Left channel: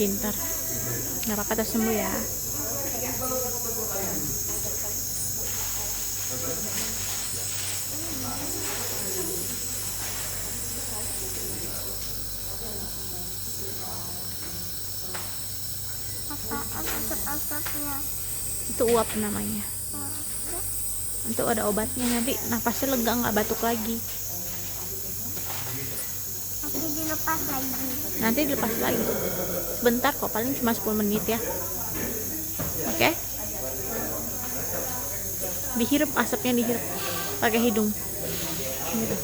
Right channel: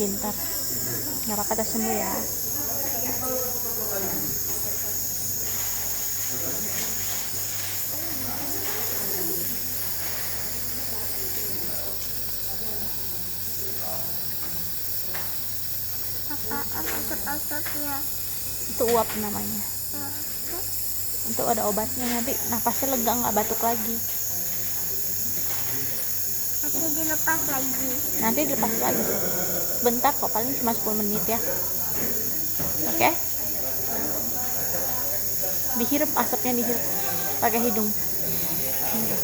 Pintar. Harap kata sembuh ya. Itu uap namanya. Untuk ada obatnya, nanti nafasnya lega, nggak batuk lagi. Dilepas lagi. Nanti dilepas lagi. Bentar kok, paling cuma 10 menit ya. Oke? Dihirup, asapnya dihirup pakai hidung. Gitu.